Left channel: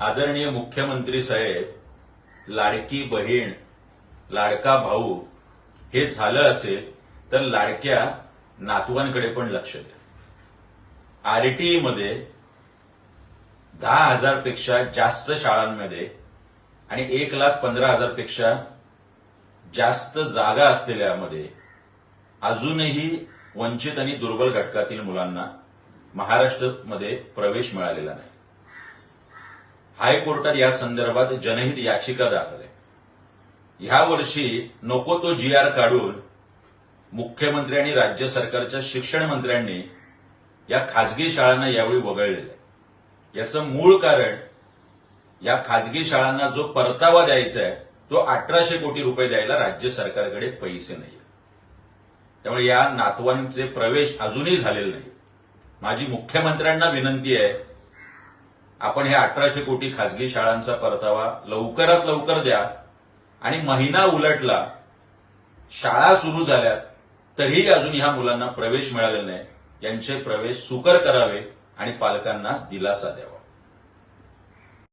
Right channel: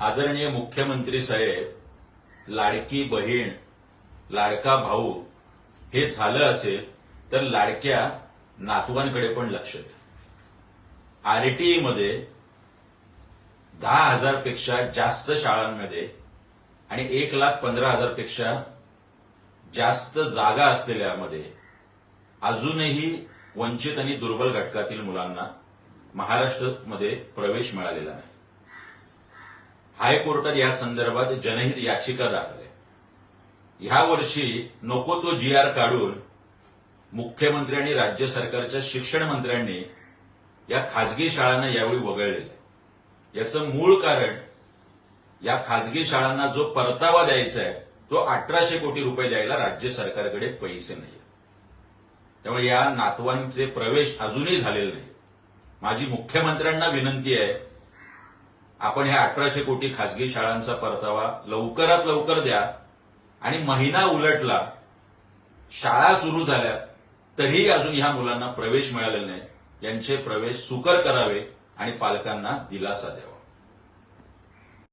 आदरणीय मुख्यमंत्री साहेब लाडकी बहीण लाडका भाऊ हे झालं असेल तर लाडक्या नातवांकडे पण लक्ष द्या. आरटीई मध्ये दहा हजारपेक्षा जास्त शाळांमध्ये आणि एक लाख पंधरा हजारपेक्षा जास्त जागा असलेल्यामध्ये अजूनही वंचित आणि दुर्बल घटकातील मुलांना महाराष्ट्रामध्ये प्रवेश मिळालेला नाही. हायकोर्टात या संदर्भात जनहित याचिका दाखल आहे. ह्या वर्षी नको तो जी आर काढून मुख्यमंत्री आणि राज्य सरकारच्या शिक्षण मंत्र्यांनी या खाजगी शाळांना यावेळी वगळलेलं आहे. याचं मूळ कारण या खाजगी शाळांना जो परतावा द्यायचा आहे तो अठराशे कोटी रुपये द्यायला राज्य सरकारकडे पैसे नाही त्यामुळे या नातवांचे प्रवेश अजूनही झालेले नाही माझी मुख्यमंत्र्यांना विनंती आहे आपण ह्या अठराशे कोटी खासगी शाळांचा परतावा लवकरात लवकर द्या. आणि महिना उलटला शाळा सुरू झाल्या तरीही अजून ह्या मुलांना प्रवेश मिळालेला नाही. यांचे प्रवेश सुकर करावे आणि पालकांना दिलासा द्यावा.